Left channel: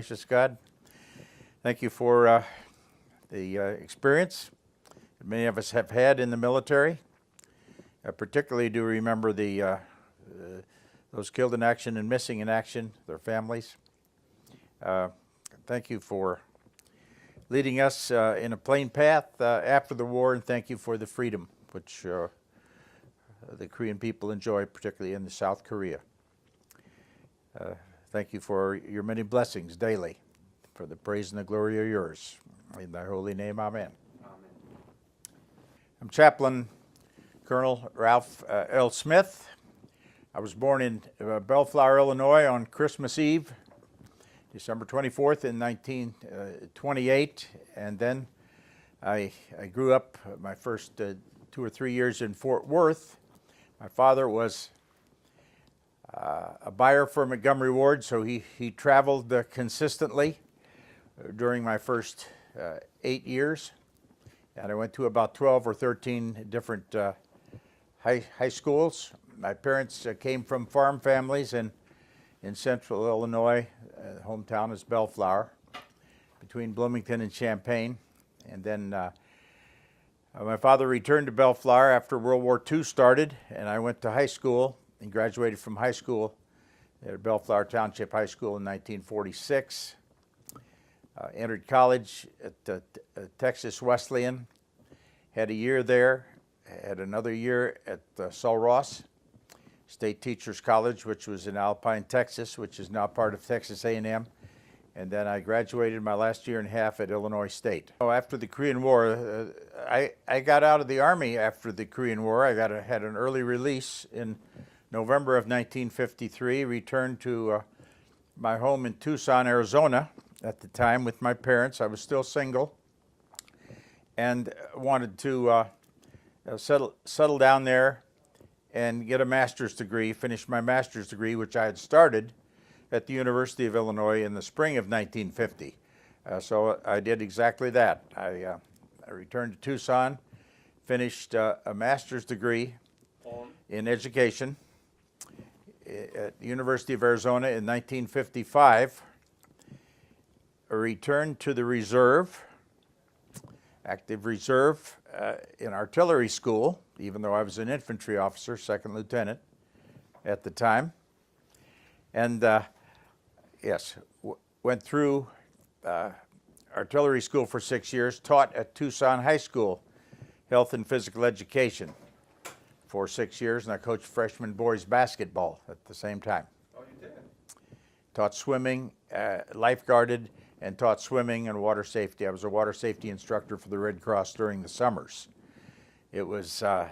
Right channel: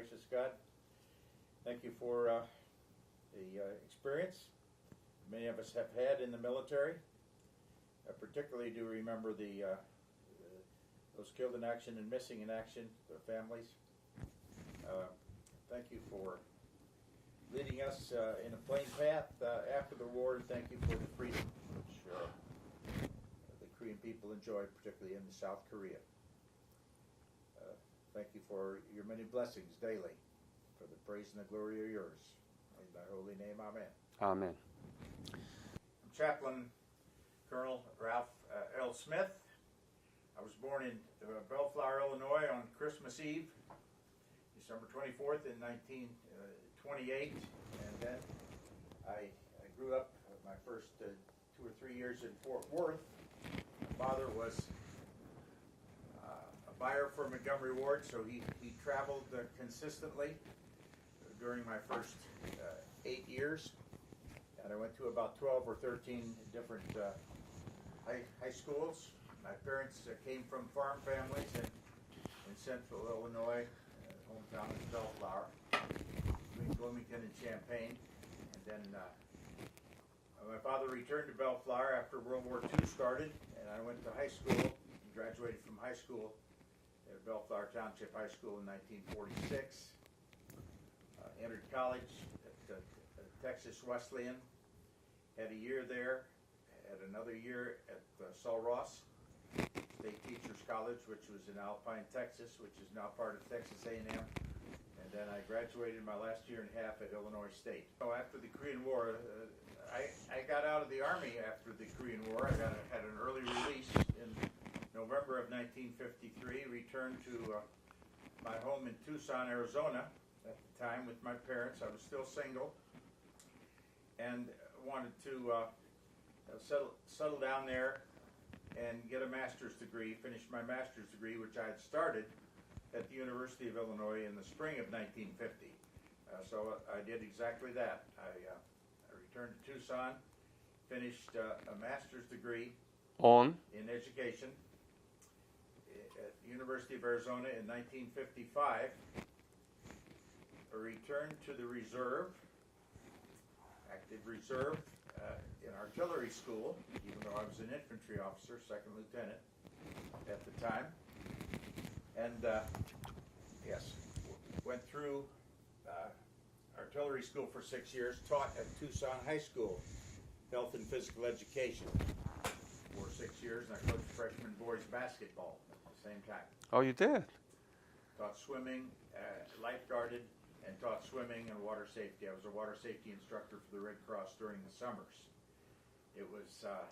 Gracious God, thank you for the experience that many of us have had in the military. I particularly do remember those killed in action and missing in action, their families. Thank you for leading us in a plain path after the war, and thank you for the freedom which the Korean people enjoy, particularly in South Korea. Thank you for your many blessings daily, for the praise and the glory are yours. In thy holy name, amen. Amen. I'm Chaplain Colonel Ralph L. Smith. I was born in Bellflower, Illinois on Christmas Eve, December 24th in 1928, and then I grew up my first 2 or 3 years in Fort Worth. My father was a buyer for Montgomery Ward, so he traveled consistently during my first 8 years, and I went to about 12 or 13 different high schools. My parents came from farm families in central Illinois. Hometown is Bellflower, between Bloomington and Champaign, and then my father returned to Bellflower after World War II started, and I went to high school and graduated from high school at Bellflower Township High School in 1946. Entered college at Texas Wesleyan, had a year there, had another year at Sul Ross State Teachers College, which was in Alpine, Texas, which is now part of Texas A&M. And then I graduated my last year and a half at Illinois State. After the Korean War, I got out of the Army after the Korean War. I had an early release in November of 1953, returned to my home in Tucson, Arizona at the time with my parents. I was still single and wanted to settle down there and get a master's degree, finish my master's degree, which I had started at the University of Illinois in the spring of 1950. So I did exactly that. I returned to Tucson, finished a master's degree in education at the University of Arizona in 1955. I returned to the reserve, active reserve, in artillery school, even though I was an infantry officer, second lieutenant at the time. And went through artillery school for 6 years, taught at Tucson High School, health and physical education for 6 years, and I coached freshman boys basketball at the same time. Oh, you did? Taught swimming, lifeguarded, and taught swimming and water safety. I was a water safety instructor for the Red Cross during the summers. It was just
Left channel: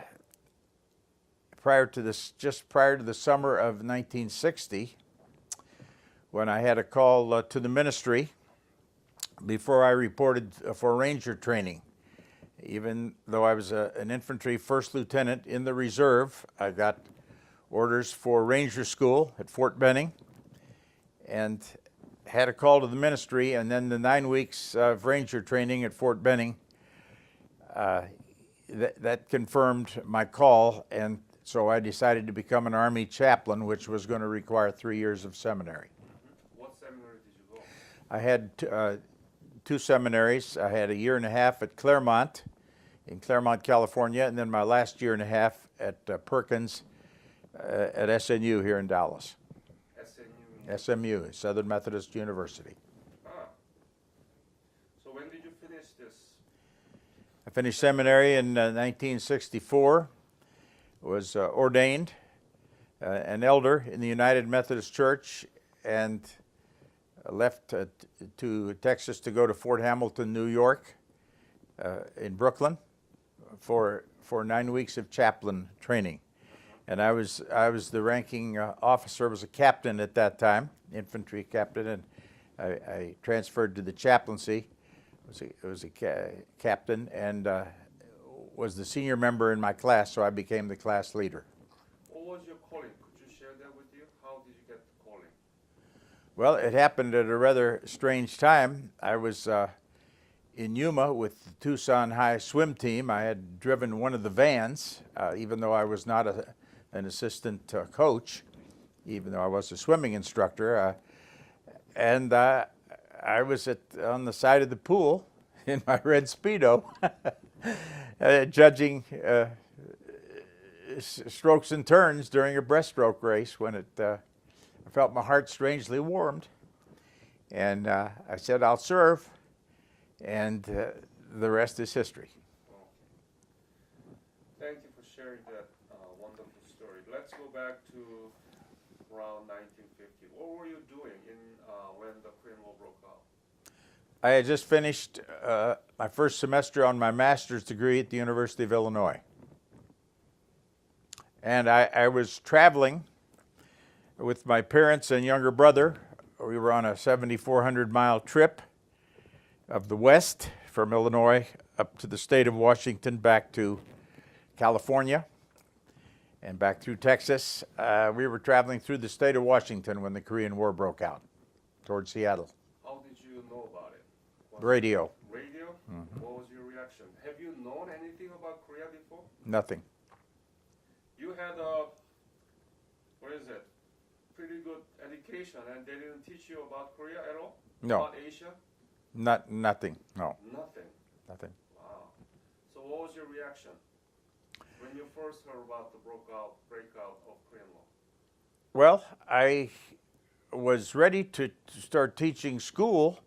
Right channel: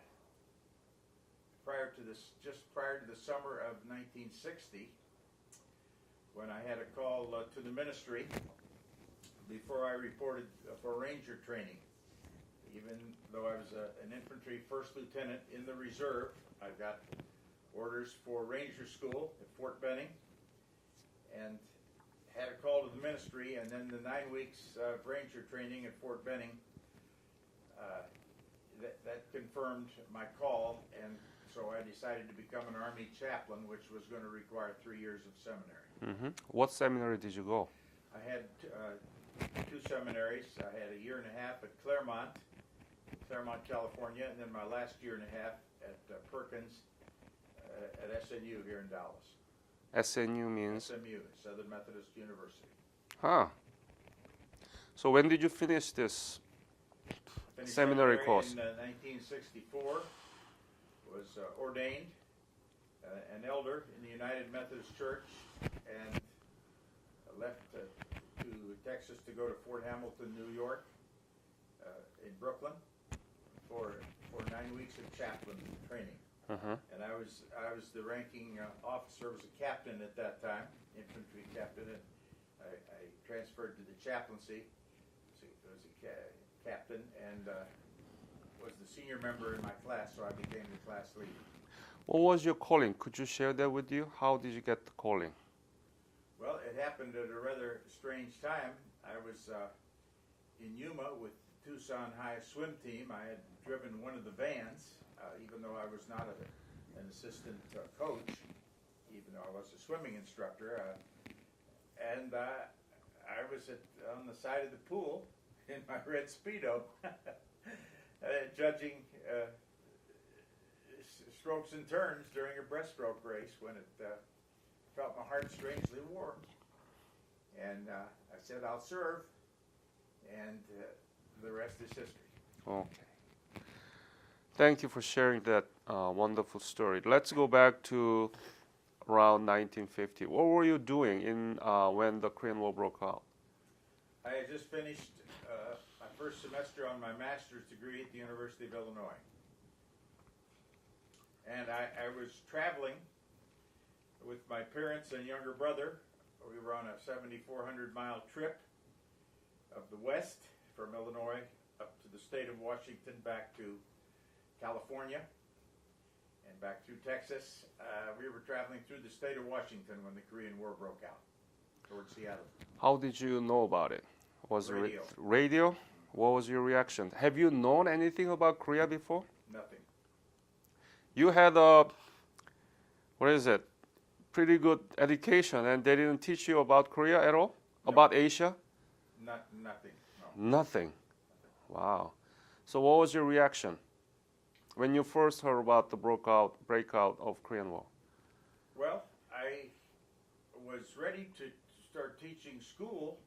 prior to the summer of 1960, when I had a call to the ministry before I reported for Ranger training. Even though I was an infantry first lieutenant in the reserve, I got orders for Ranger school at Fort Benning and had a call to the ministry, and then the 9 weeks of Ranger training at Fort Benning, that confirmed my call, and so I decided to become an Army chaplain, which was going to require 3 years of seminary. Mm-hmm. What seminary did you go? I had two seminaries. I had a year and a half at Claremont, in Claremont, California, and then my last year and a half at Perkins at SNU here in Dallas. SNU means? SMU, Southern Methodist University. Huh. So when did you finish this? I finished seminary in 1964, was ordained an elder in the United Methodist Church, and left to Texas to go to Fort Hamilton, New York, in Brooklyn, for 9 weeks of chaplain training. And I was the ranking officer. I was a captain at that time, infantry captain, and I transferred to the chaplaincy. I was a captain and was the senior member in my class, so I became the class leader. What was your calling? Could you share that with you? How did you get the calling? Well, it happened at a rather strange time. I was in Yuma with the Tucson High swim team. I had driven one of the vans, even though I was not an assistant coach, even though I was a swimming instructor. And I was on the side of the pool in my red Speedo, judging strokes and turns during a breaststroke race when I felt my heart strangely warmed. And I said, I'll serve, and the rest is history. Okay. Thank you for sharing that wonderful story. Let's go back to around 1950. What were you doing when the Korean War broke out? I had just finished my first semester on my master's degree at the University of Illinois. And I was traveling with my parents and younger brother. We were on a 7,400-mile trip of the West from Illinois up to the state of Washington, back to California, and back through Texas. We were traveling through the state of Washington when the Korean War broke out, towards Seattle. How did you know about it? Was Radio. Radio? Mm-hmm. What was your reaction? Have you known anything about Korea before? Nothing. You had pretty good education, and they didn't teach you about Korea at all? No. About Asia? Nothing, no. Nothing? Nothing. Wow. So what was your reaction when you first heard about the breakout of Korean War? Well, I was ready to start teaching school,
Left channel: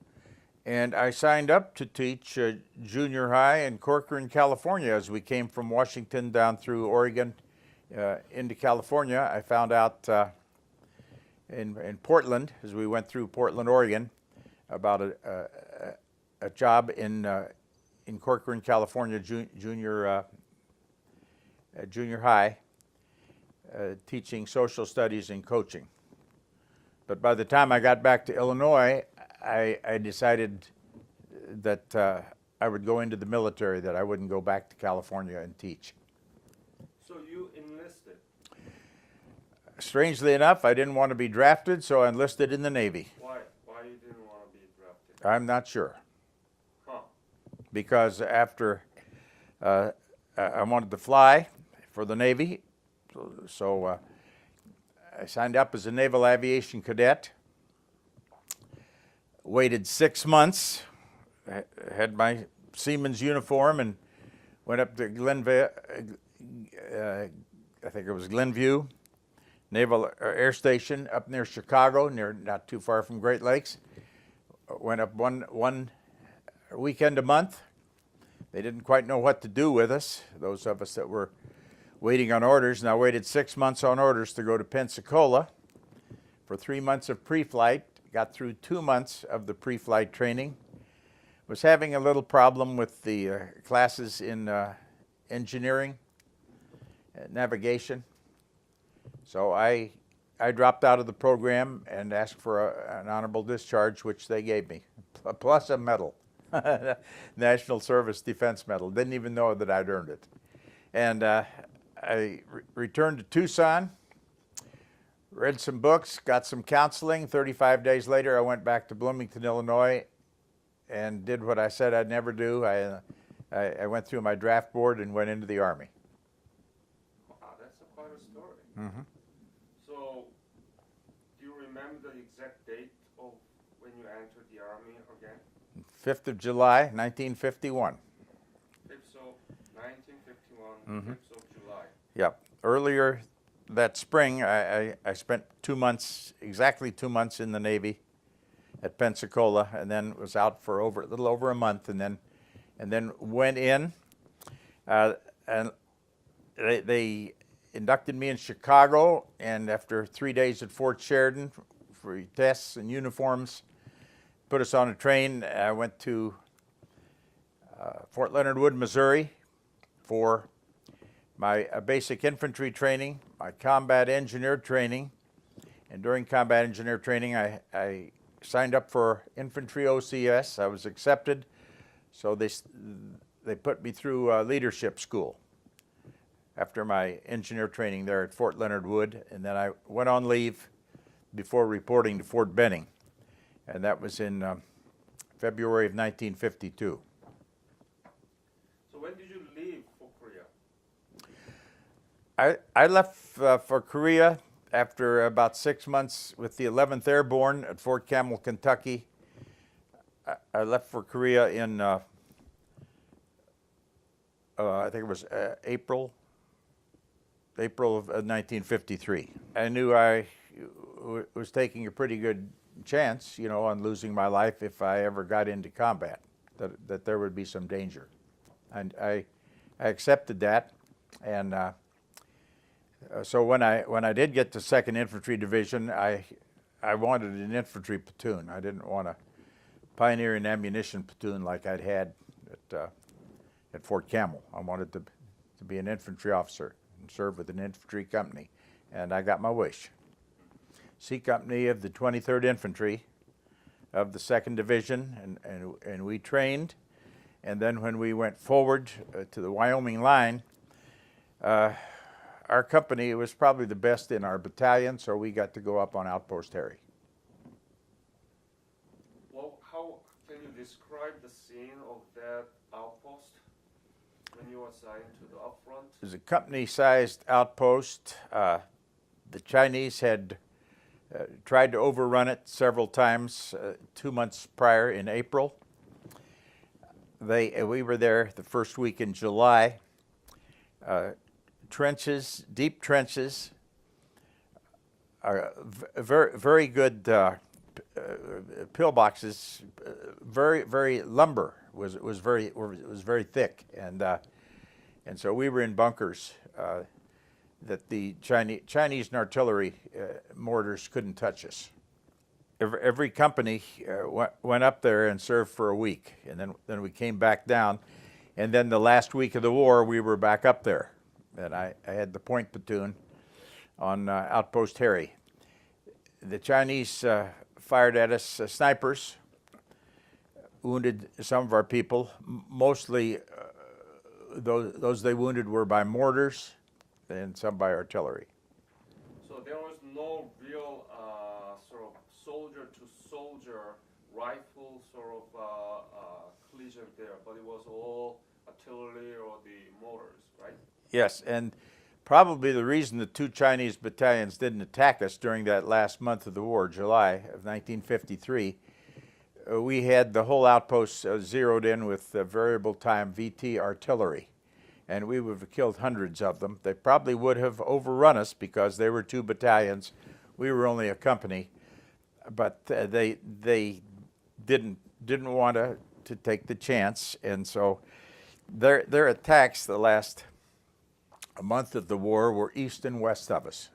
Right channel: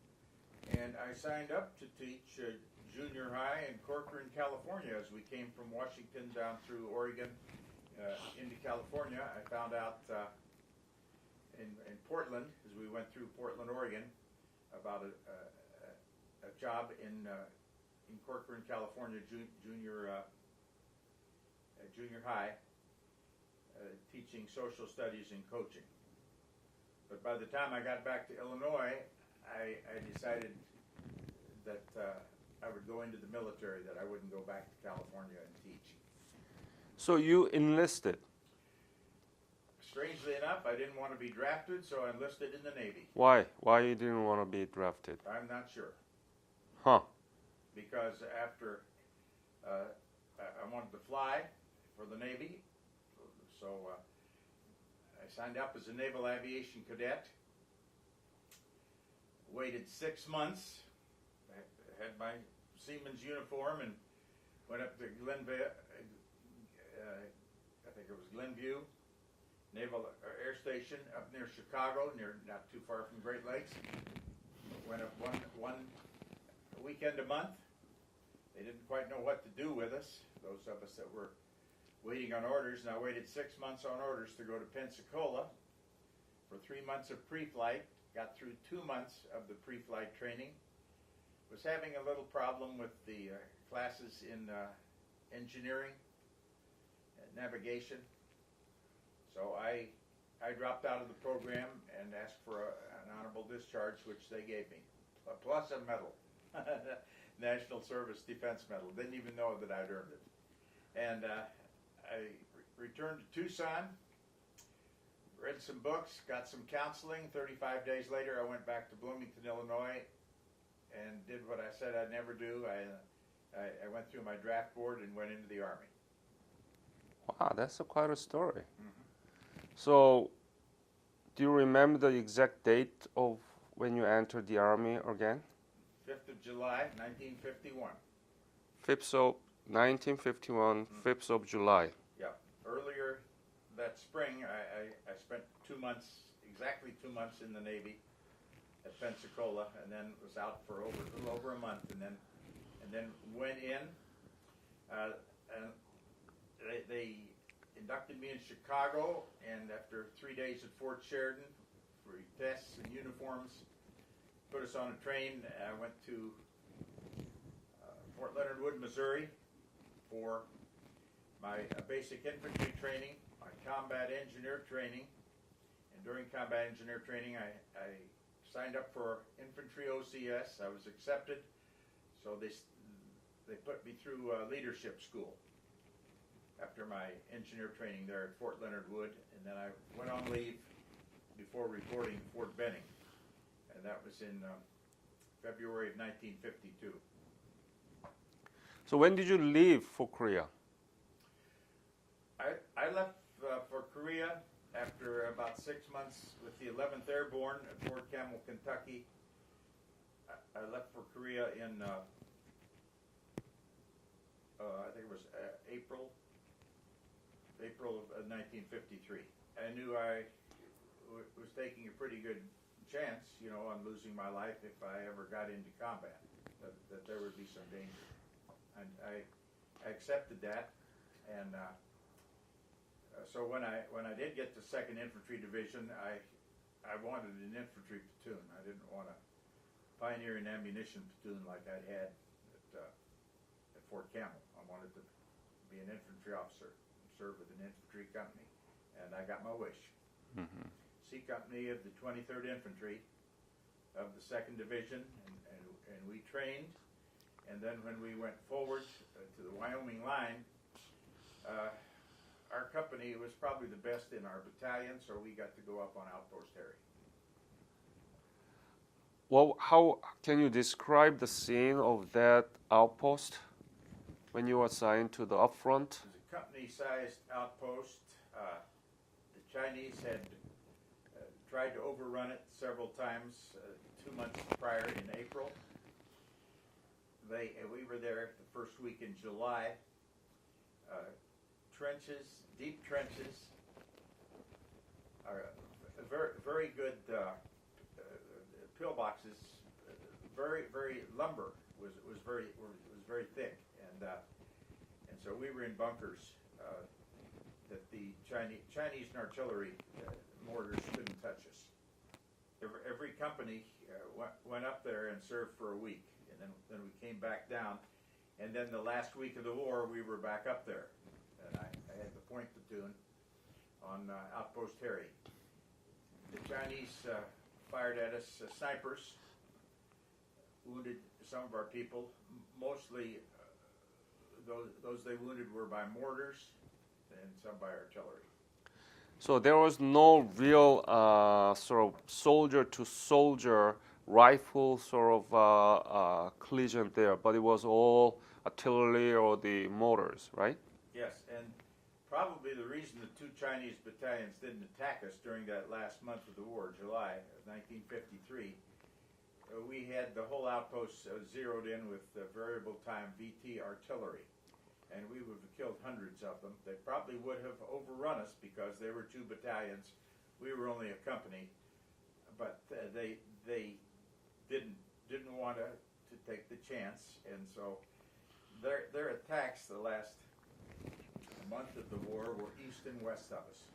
and I signed up to teach junior high in Corcoran, California. As we came from Washington down through Oregon into California, I found out in Portland, as we went through Portland, Oregon, about a job in Corcoran, California, junior high, teaching social studies and coaching. But by the time I got back to Illinois, I decided that I would go into the military, that I wouldn't go back to California and teach. So you enlisted? Strangely enough, I didn't want to be drafted, so I enlisted in the Navy. Why? Why you didn't want to be drafted? I'm not sure. Huh. Because after I wanted to fly for the Navy, so I signed up as a Naval Aviation Cadet, waited 6 months, had my seaman's uniform, and went up to Glenview, I think it was Glenview Naval Air Station up near Chicago, not too far from Great Lakes. Went up one weekend a month. They didn't quite know what to do with us, those of us that were waiting on orders. And I waited 6 months on orders to go to Pensacola for 3 months of pre-flight. Got through 2 months of the pre-flight training. Was having a little problem with the classes in engineering, navigation. So I dropped out of the program and asked for an honorable discharge, which they gave me, plus a medal, National Service Defense Medal. Didn't even know that I'd earned it. And I returned to Tucson, read some books, got some counseling. 35 days later, I went back to Bloomington, Illinois, and did what I said I'd never do. I went through my draft board and went into the Army. Wow, that's quite a story. Mm-hmm. So, do you remember the exact date of when you entered the Army again? 5th of July, 1951. 5th of 1951, Mm-hmm. 5th of July. Yep. Earlier that spring, I spent 2 months, exactly 2 months in the Navy at Pensacola, and then was out for a little over a month, and then went in, and they inducted me in Chicago, and after 3 days at Fort Sheridan for tests and uniforms, put us on a train. I went to Fort Leonard Wood, Missouri for my basic infantry training, my combat engineer training, and during combat engineer training I signed up for infantry OCS. I was accepted, so they put me through leadership school after my engineer training there at Fort Leonard Wood, and then I went on leave before reporting to Fort Benning, and that was in February of 1952. So when did you leave for Korea? I left for Korea after about 6 months with the 11th Airborne at Fort Campbell, Kentucky, I left for Korea in, I think it was April of 1953. I knew I was taking a pretty good chance, you know, on losing my life if I ever got into combat, that there would be some danger. And I accepted that, and so when I did get to 2nd Infantry Division, I wanted an infantry platoon. I didn't want a pioneering ammunition platoon like I'd had at Fort Campbell. I wanted to be an infantry officer and serve with an infantry company, and I got my wish. C Company of the 23rd Infantry of the 2nd Division, and we trained. And then when we went forward to the Wyoming line, our company was probably the best in our battalion, so we got to go up on Outpost Harry. Well, how can you describe the scene of that outpost when you were assigned to the upfront? It was a company-sized outpost. The Chinese had tried to overrun it several times 2 months prior in April. We were there the first week in July. Trenches, deep trenches, very good pillboxes. Very lumber was very thick, and so we were in bunkers that the Chinese and artillery mortars couldn't touch us. Every company went up there and served for a week, and then we came back down, and then the last week of the war we were back up there, and I had the point platoon on Outpost Harry. The Chinese fired at us snipers, wounded some of our people. Mostly those they wounded were by mortars and some by artillery. So there was no real sort of soldier-to-soldier rifle sort of collision there, but it was all artillery or the mortars, right? Yes, and probably the reason the 2 Chinese battalions didn't attack us during that last month of the war, July of 1953, we had the whole outpost zeroed in with variable time VT artillery, and we would have killed hundreds of them. They probably would have overrun us because they were 2 battalions. We were only a company, but they didn't want to take the chance, and so their attacks the last month of the war were east and west of us.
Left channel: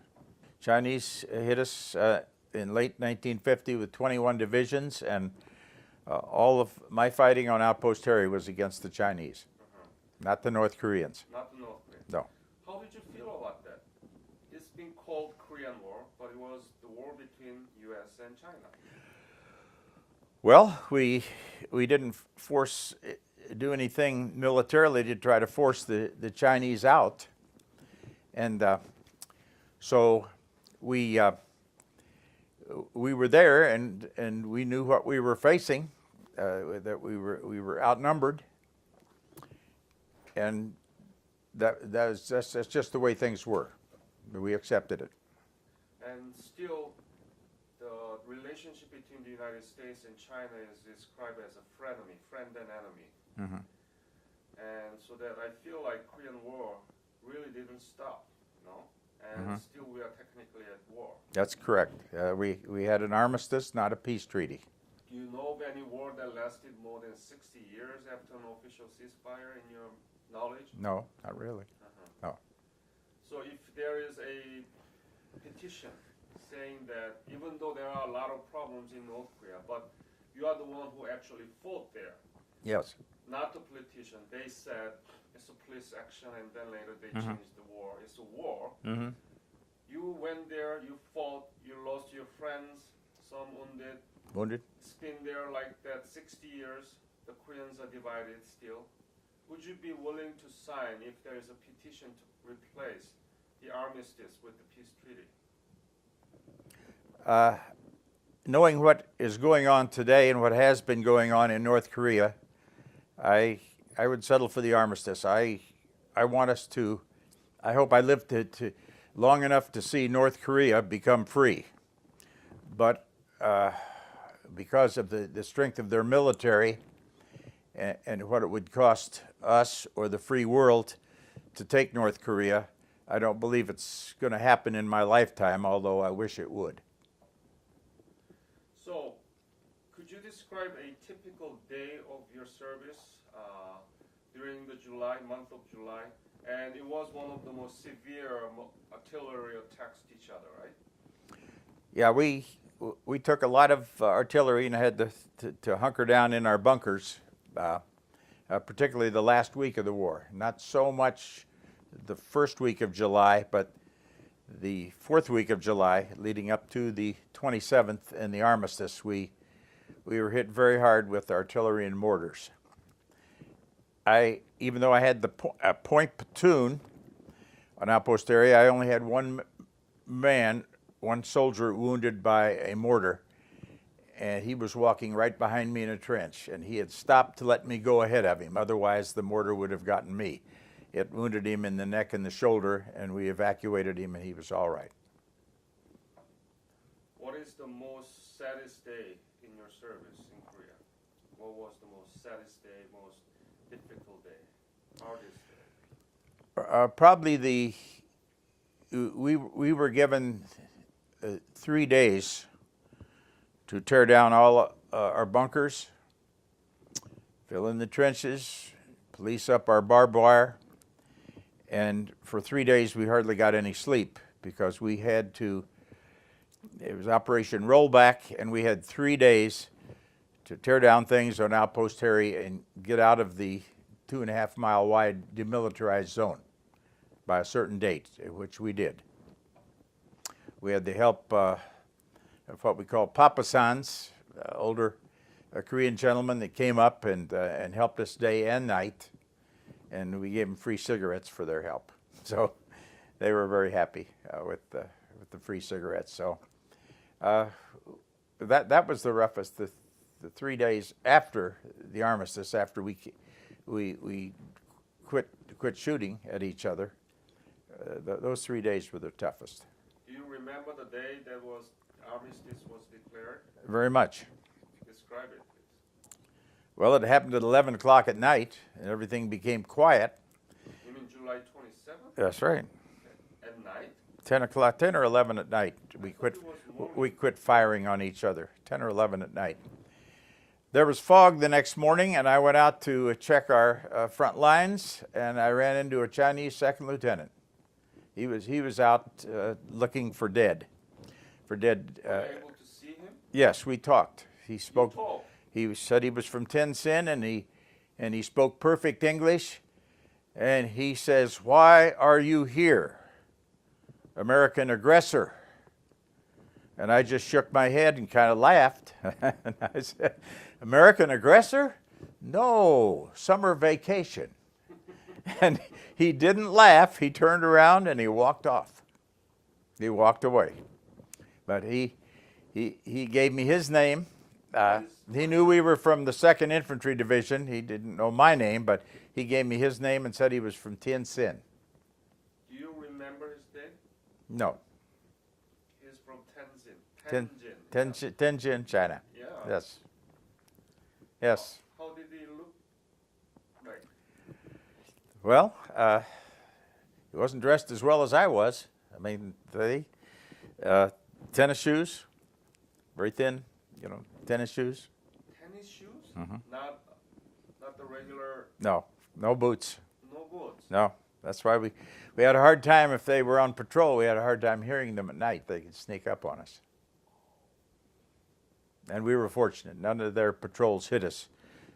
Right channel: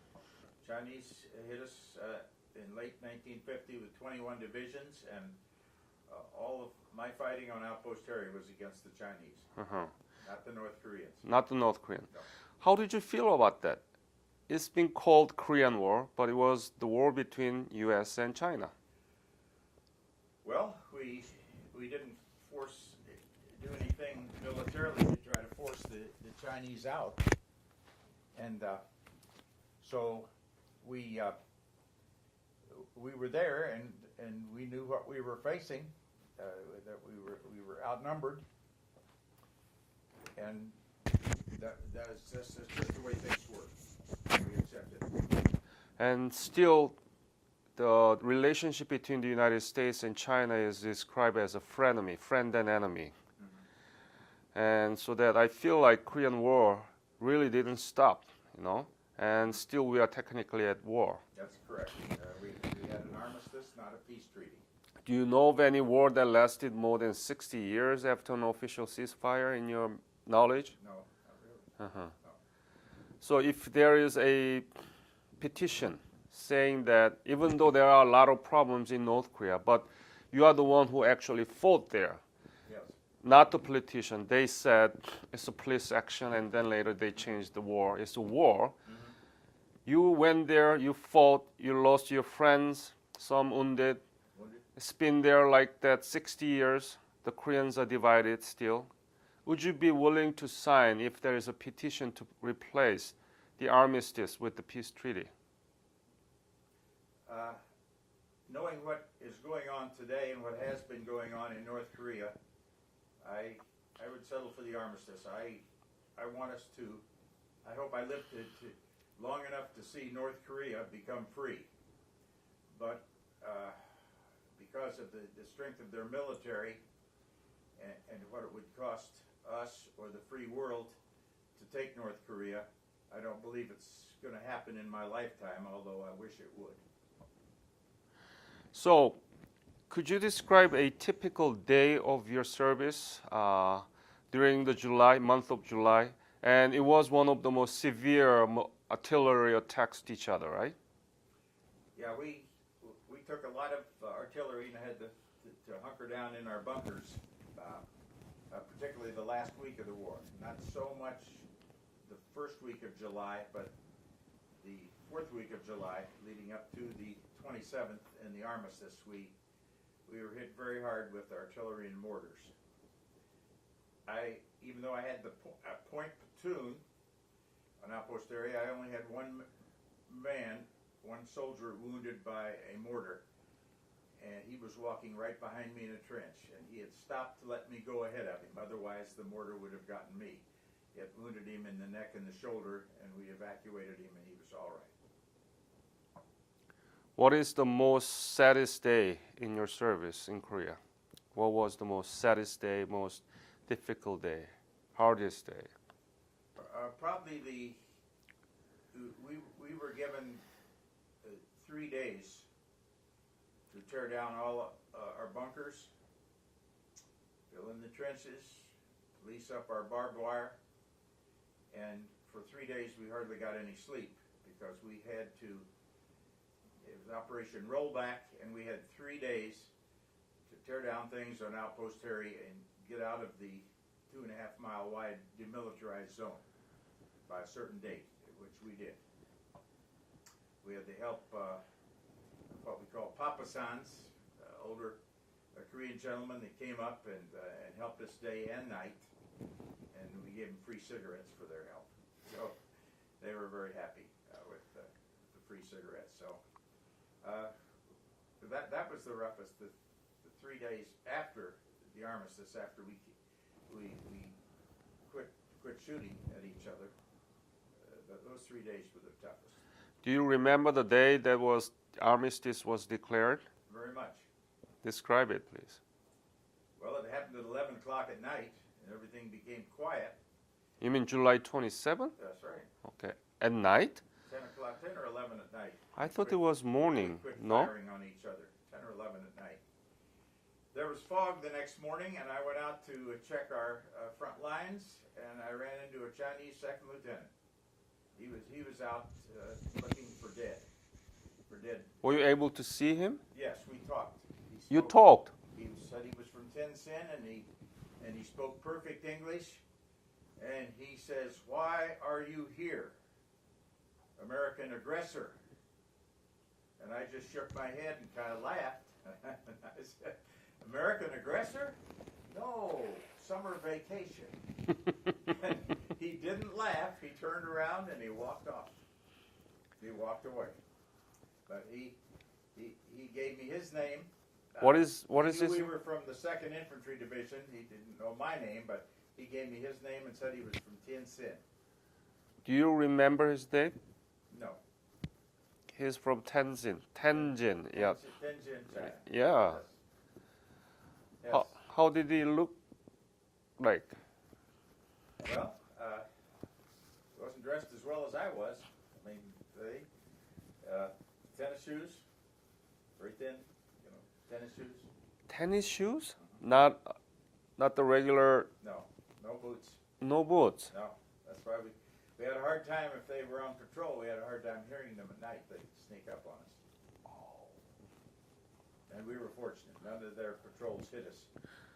Chinese hit us in late 1950 with 21 divisions, and all of my fighting on Outpost Harry was against the Chinese, not the North Koreans. Not the North Koreans. No. How did you feel about that? It's been called Korean War, but it was the war between U.S. and China. Well, we didn't do anything militarily to try to force the Chinese out, and so we were there, and we knew what we were facing, that we were outnumbered, and that's just the way things were. We accepted it. And still, the relationship between the United States and China is described as a frenemy, friend and enemy. And so that I feel like Korean War really didn't stop, you know, and still we are technically at war. That's correct. We had an armistice, not a peace treaty. Do you know of any war that lasted more than 60 years after an official ceasefire in your knowledge? No, not really. No. So if there is a petition saying that even though there are a lot of problems in North Korea, but you are the one who actually fought there, Yes. not the politician. They said it's a police action, and then later they changed the war. It's a war. You went there, you fought, you lost your friends, some wounded. Wounded? It's been there like that 60 years. The Koreans are divided still. Would you be willing to sign if there is a petition to replace the armistice with the peace treaty? Knowing what is going on today and what has been going on in North Korea, I would settle for the armistice. I want us to, I hope I live to long enough to see North Korea become free. But because of the strength of their military and what it would cost us or the free world to take North Korea, I don't believe it's going to happen in my lifetime, although I wish it would. So, could you describe a typical day of your service during the month of July? And it was one of the most severe artillery attacks to each other, right? Yeah, we took a lot of artillery and had to hunker down in our bunkers, particularly the last week of the war. Not so much the first week of July, but the fourth week of July, leading up to the 27th and the armistice, we were hit very hard with artillery and mortars. Even though I had the point platoon on outpost area, I only had one soldier wounded by a mortar, and he was walking right behind me in a trench, and he had stopped to let me go ahead of him. Otherwise, the mortar would have gotten me. It wounded him in the neck and the shoulder, and we evacuated him, and he was all right. What is the most saddest day in your service in Korea? What was the most saddest day, most difficult day, hardest day? Probably we were given 3 days to tear down all our bunkers, fill in the trenches, police up our barbed wire, and for 3 days we hardly got any sleep because we had to, it was Operation Rollback, and we had 3 days to tear down things on Outpost Harry and get out of the 2.5 mile wide demilitarized zone by a certain date, which we did. We had the help of what we call Papasans, older Korean gentlemen that came up and helped us day and night, and we gave them free cigarettes for their help. So they were very happy with the free cigarettes. So that was the roughest. The 3 days after the armistice, after we quit shooting at each other, those 3 days were the toughest. Do you remember the day that armistice was declared? Very much. Describe it, please. Well, it happened at 11 o'clock at night, and everything became quiet. You mean July 27th? That's right. Okay. At night? 10 or 11 at night. I thought it was morning. We quit firing on each other, 10 or 11 at night. There was fog the next morning, and I went out to check our front lines, and I ran into a Chinese second lieutenant. He was out looking for dead. Were you able to see him? Yes, we talked. He spoke. You talked? He said he was from Tenzin, and he spoke perfect English. And he says, "Why are you here, American aggressor?" And I just shook my head and kind of laughed. And I said, "American aggressor? No, summer vacation." And he didn't laugh. He turned around and he walked off. He walked away. But he gave me his name. He knew we were from the 2nd Infantry Division. He didn't know my name, but he gave me his name and said he was from Tianjin. Do you remember his name? No. He's from Tenzin. Tianjin, China. Yeah. Yes. Yes. How did he look like? Well, he wasn't dressed as well as I was. I mean, tennis shoes, very thin, tennis shoes. Tennis shoes? Mm-hmm. Not the regular. No boots. No boots. No, that's why we had a hard time if they were on patrol. We had a hard time hearing them at night. They could sneak up on us. And we were fortunate. None of their patrols hit us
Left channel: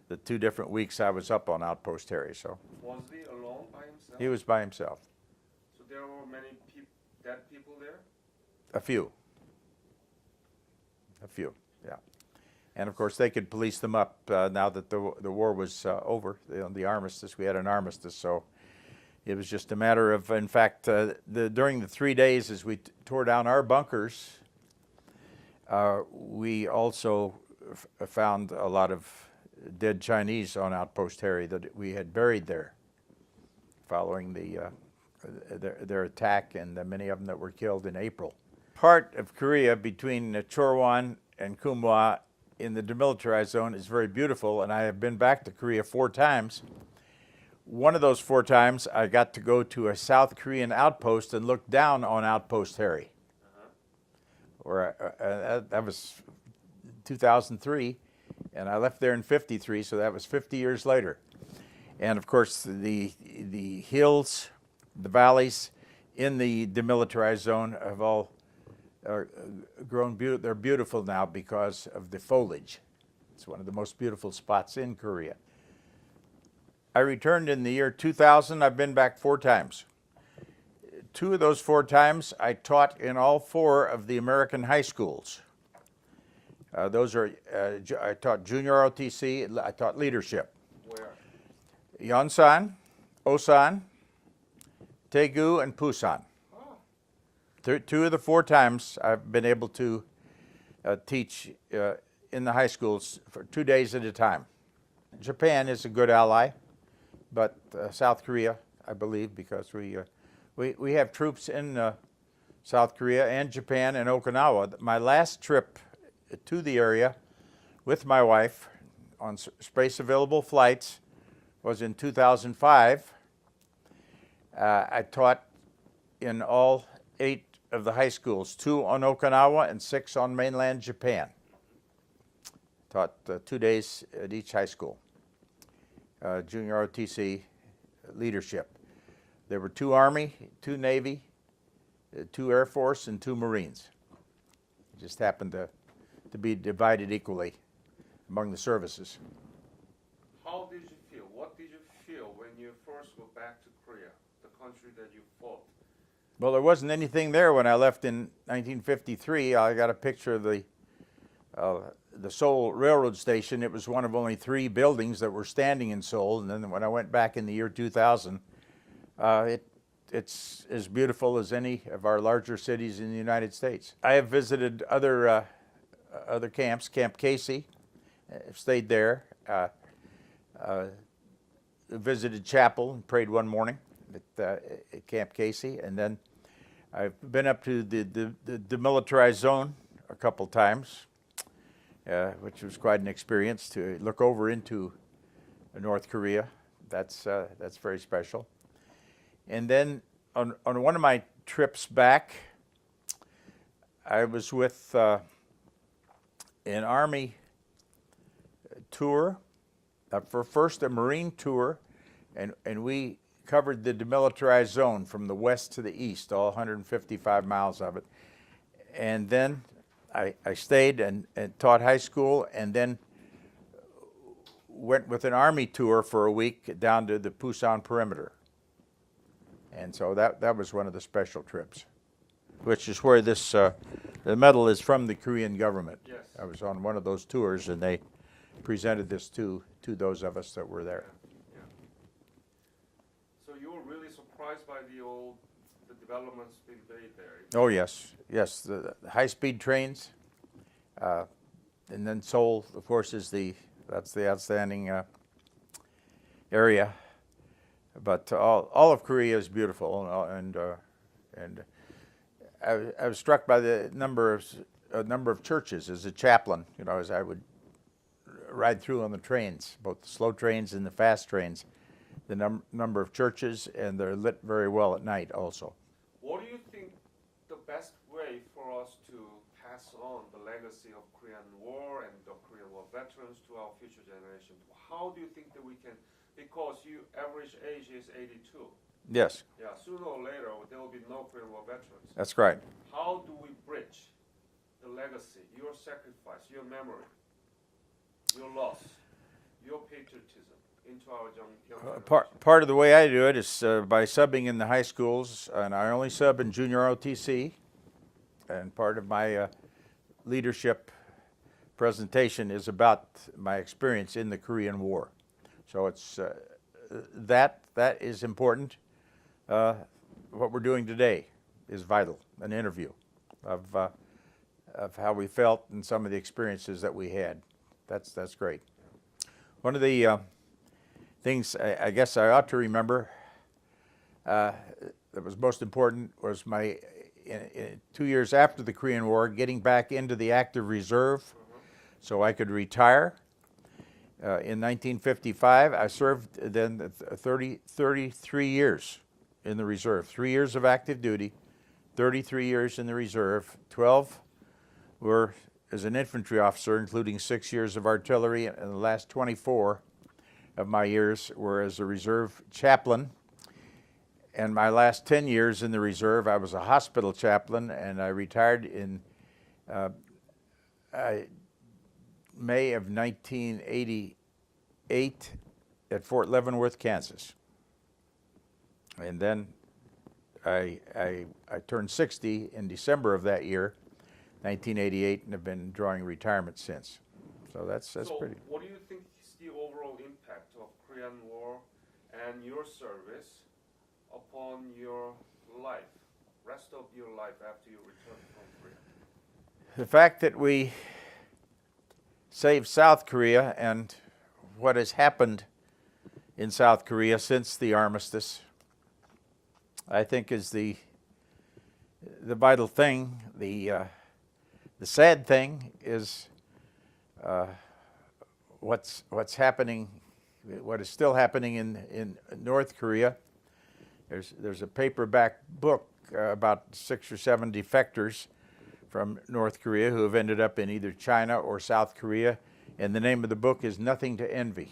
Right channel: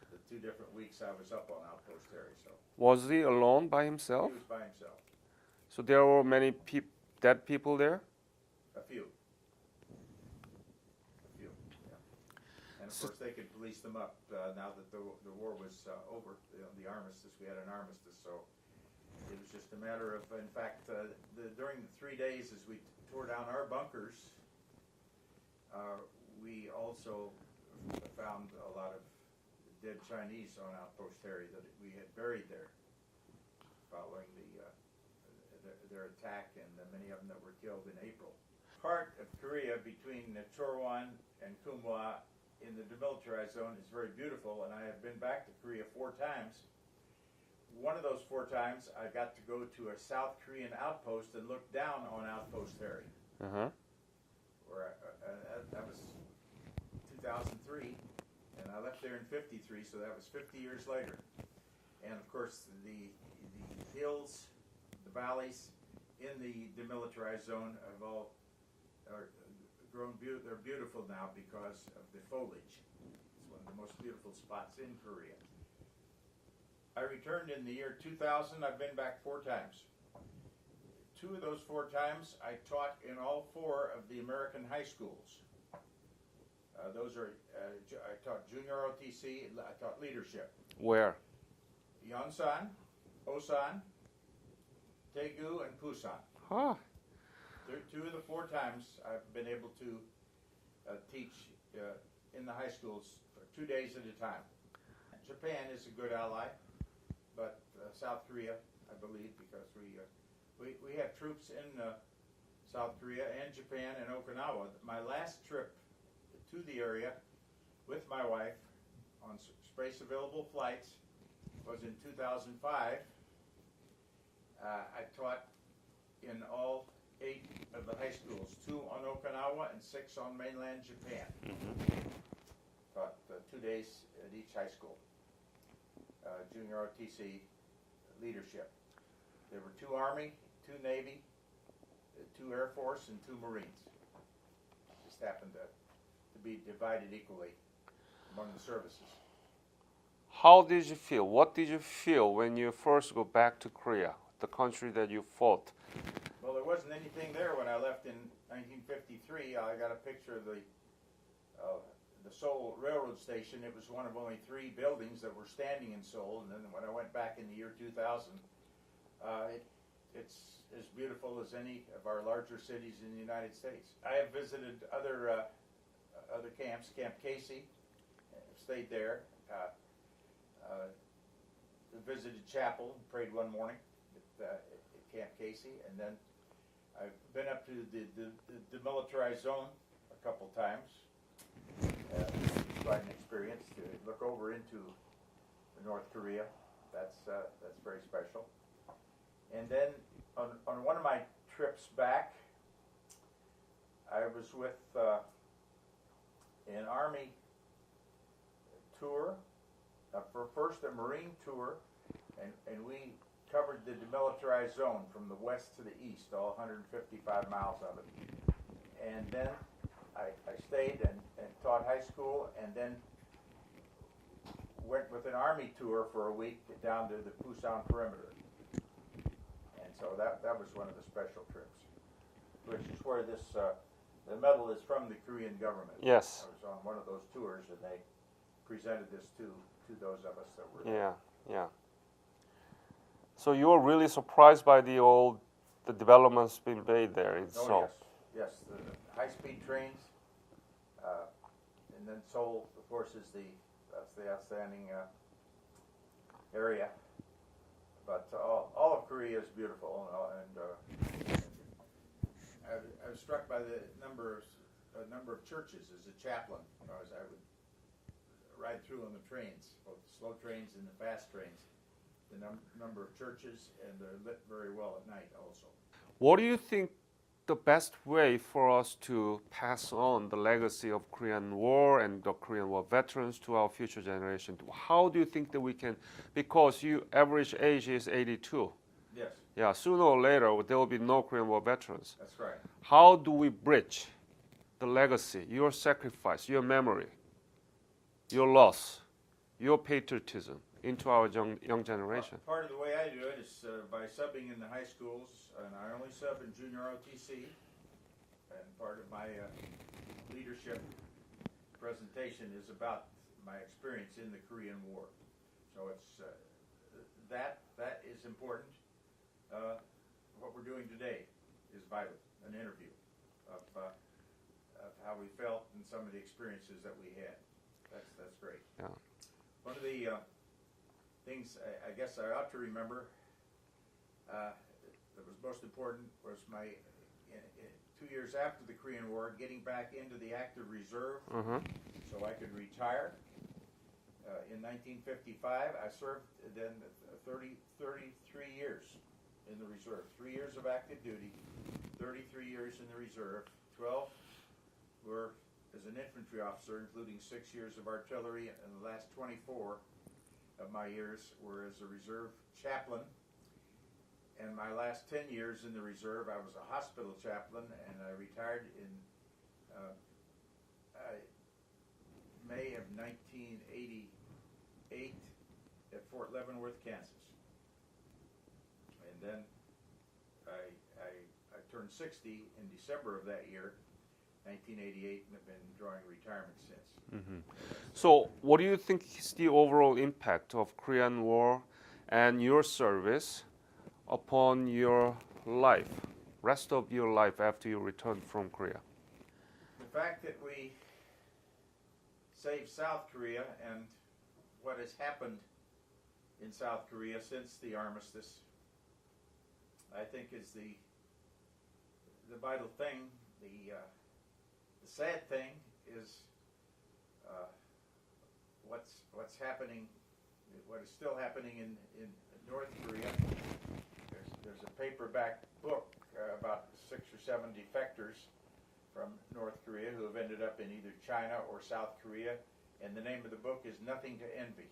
the 2 different weeks I was up on Outpost Harry. So was he alone by himself? He was by himself. So there were many dead people there? A few, yeah. And of course, they could police them up now that the war was over. The armistice, we had an armistice, so it was just a matter of, in fact, during the 3 days as we tore down our bunkers, we also found a lot of dead Chinese on Outpost Harry that we had buried there following their attack, and many of them that were killed in April. Part of Korea between Chorwan and Kumwa in the demilitarized zone is very beautiful, and I have been back to Korea 4 times. One of those 4 times, I got to go to a South Korean outpost and look down on Outpost Harry. That was 2003, and I left there in '53, so that was 50 years later. And of course, the hills, the valleys in the demilitarized zone have all grown beautiful. They're beautiful now because of the foliage. It's one of the most beautiful spots in Korea. I returned in the year 2000. I've been back 4 times. 2 of those 4 times, I taught in all 4 of the American high schools. Those are, I taught junior ROTC, I taught leadership. Where? Yonsan, Osan, Daegu, and Busan. Huh. 2 of the 4 times I've been able to teach in the high schools for 2 days at a time. Japan is a good ally, but South Korea, I believe, because we have troops in South Korea and Japan and Okinawa. My last trip to the area with my wife on space available flights was in 2005. I taught in all 8 of the high schools, 2 on Okinawa and 6 on mainland Japan. Taught 2 days at each high school. Junior ROTC leadership. There were 2 Army, 2 Navy, 2 Air Force, and 2 Marines. It just happened to be divided equally among the services. How did you feel? What did you feel when you first go back to Korea, the country that you fought? Well, there wasn't anything there when I left in 1953. I got a picture of the Seoul Railroad Station. It was one of only 3 buildings that were standing in Seoul. And then when I went back in the year 2000, it's as beautiful as any of our larger cities in the United States. I have visited other camps, Camp Casey, stayed there. Visited chapel and prayed one morning at Camp Casey, and then I've been up to the demilitarized zone a couple times. It was quite an experience to look over into North Korea. That's very special. And then on one of my trips back, I was with an Army tour, for first a Marine tour, and we covered the demilitarized zone from the west to the east, all 155 miles of it. And then I stayed and taught high school, and then went with an Army tour for a week down to the Busan perimeter. And so that was one of the special trips, which is where this the medal is from the Korean government. Yes. I was on one of those tours, and they presented this to those of us that were there. Yeah. So you were really surprised by the developments being made there in Oh, Seoul. yes, the high-speed trains, and then Seoul, of course, that's the outstanding area. But all of Korea is beautiful, and I was struck by the number of churches as a chaplain. You know, as I would ride through on the trains, both the slow trains and the fast trains, the number of churches, and they're lit very well at night also. What do you think the best way for us to pass on the legacy of Korean War and the Korean War veterans to our future generation? How do you think that we can, because your average age is 82. Yes, Yeah, sooner or later there will be no Korean War veterans. that's right. How do we bridge the legacy, your sacrifice, your memory, your loss, your patriotism into our young generation? Part of the way I do it is by subbing in the high schools, and I only sub in junior ROTC. And part of my leadership presentation is about my experience in the Korean War. So it's that is important. What we're doing today is vital. An interview of how we felt and some of the experiences that we had. That's great. Yeah. One of the things I guess I ought to remember that was most important was my 2 years after the Korean War, getting back into the active reserve, so I could retire. In 1955, I served then 33 years in the reserve. 3 years of active duty, 33 years in the reserve. 12 were as an infantry officer, including 6 years of artillery, and the last 24 of my years were as a reserve chaplain. And my last 10 years in the reserve, I was a hospital chaplain, and I retired in May of 1988 at Fort Leavenworth, Kansas. And then I turned 60 in December of that year, 1988, and have been drawing retirement since. So that's So, pretty. what do you think is the overall impact of Korean War and your service upon your life, rest of your life after you returned from Korea? The fact that we saved South Korea and what has happened in South Korea since the armistice, I think is the vital thing. The sad thing is what's happening, what is still happening in North Korea. There's a paperback book about 6 or 7 defectors from North Korea who have ended up in either China or South Korea, and the name of the book is Nothing to Envy.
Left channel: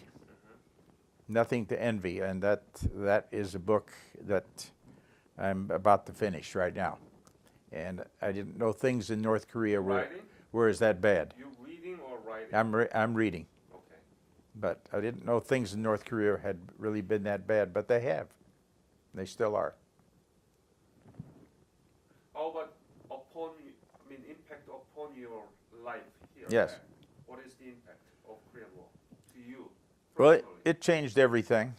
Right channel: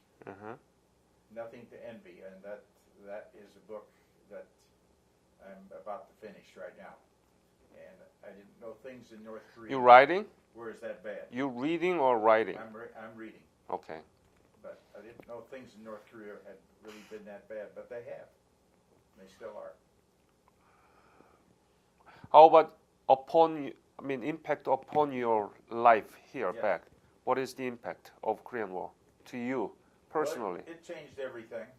Nothing to Envy, and that is a book that I'm about to finish right now. And I didn't know things in North Korea You're writing? were as that bad. You reading or writing? I'm reading, Okay. but I didn't know things in North Korea had really been that bad, but they have. They still are. How about impact upon your life here Yes. back? What is the impact of Korean War to you Well, personally? it changed everything.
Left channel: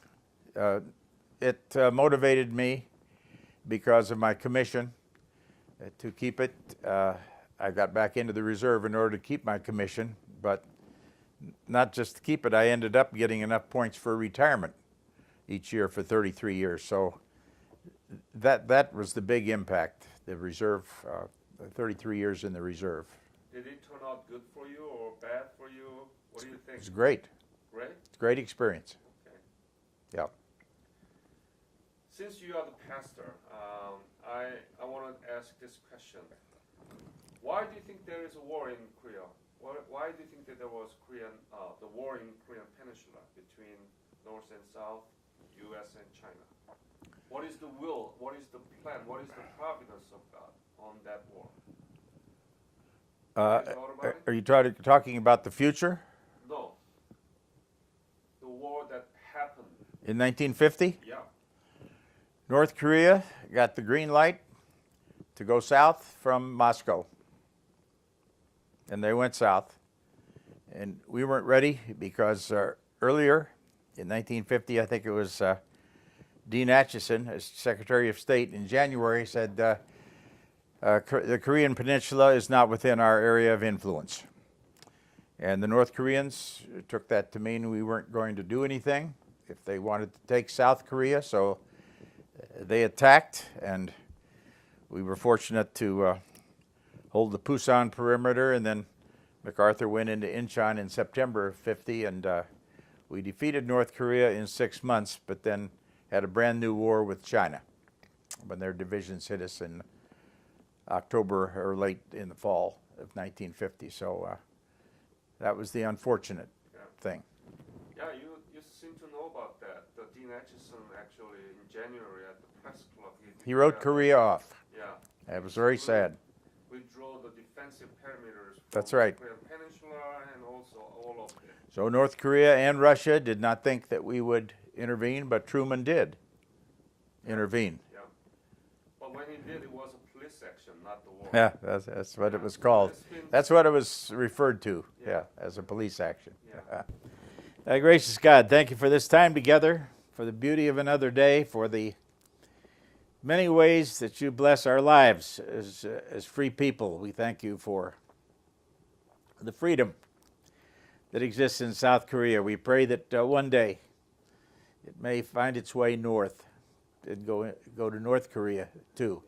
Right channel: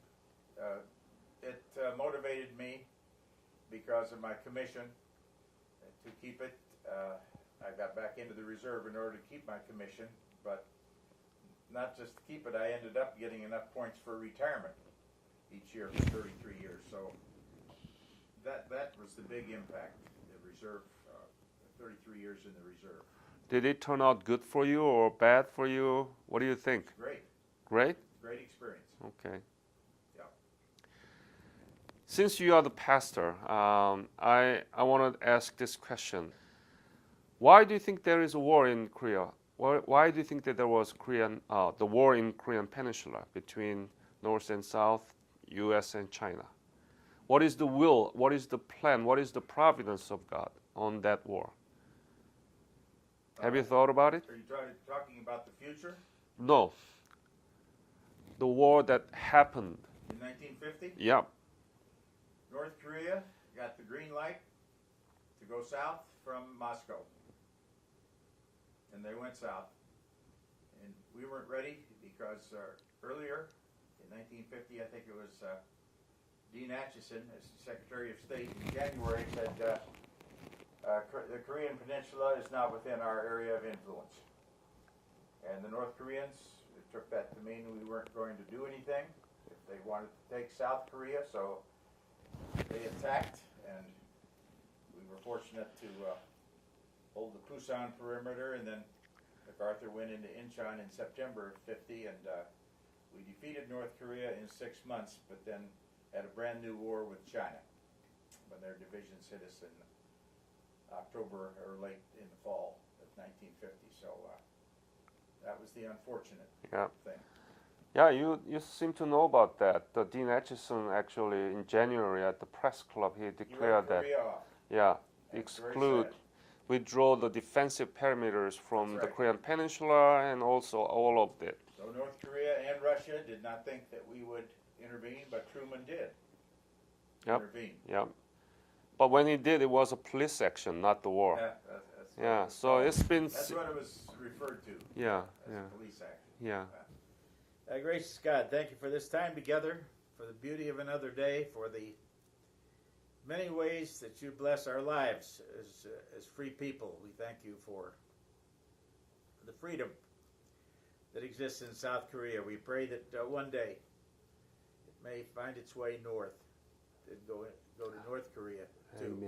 It motivated me because of my commission to keep it. I got back into the reserve in order to keep my commission, but not just to keep it. I ended up getting enough points for retirement each year for 33 years. So that was the big impact, the reserve, 33 years in the reserve. Did it turn out good for you or bad for you? What do you It think? was great. Great? Great experience. Okay. Yeah. Since you are the pastor, I want to ask this question. Why do you think there is a war in Korea? Why do you think that there was the war in Korean Peninsula between North and South, U.S. and China? What is the will? What is the plan? What is the providence of God on that war? Have you thought about it? Are you talking about the future? No. The war that happened. In 1950? Yeah. North Korea got the green light to go south from Moscow. And they went south. And we weren't ready because earlier in 1950, I think it was Dean Acheson, as Secretary of State, in January said, the Korean Peninsula is not within our area of influence. And the North Koreans took that to mean we weren't going to do anything if they wanted to take South Korea. So they attacked, and we were fortunate to hold the Pusan perimeter, and then MacArthur went into Incheon in September of 50, and we defeated North Korea in 6 months, but then had a brand new war with China when their divisions hit us in October or late in the fall of 1950. So that was the unfortunate thing. Yeah, you seem to know about that. The Dean Acheson actually in January at the press club He wrote Korea off. Yeah, It was very sad. Withdraw the defensive perimeters from That's right. the Korean Peninsula and also all of it. So North Korea and Russia did not think that we would intervene, but Truman did intervene. Yeah, but when he did, it was a police action, not the war. Yeah, that's what it was So called. it's been That's what it was referred to. As a yeah. police action. Yeah. Gracious God, thank you for this time together, for the beauty of another day, for the many ways that you bless our lives as free people. We thank you for the freedom that exists in South Korea. We pray that one day it may find its way north and go to North Korea too.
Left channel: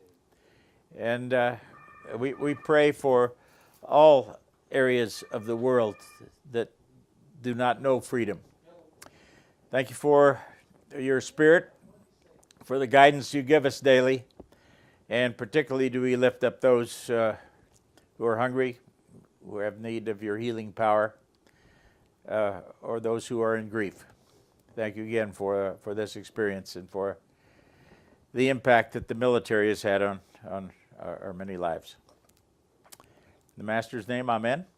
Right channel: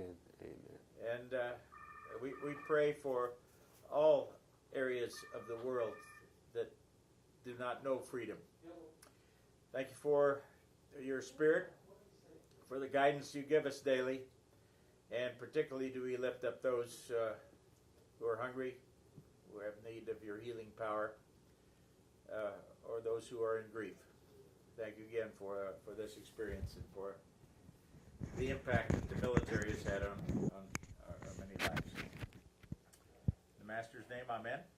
And we pray for all areas of the world that do not know freedom. Thank you for your spirit, for the guidance you give us daily, and particularly do we lift up those who are hungry, who have need of your healing power, or those who are in grief. Thank you again for this experience and for the impact that the military has had on our many lives. In the Master's name, amen.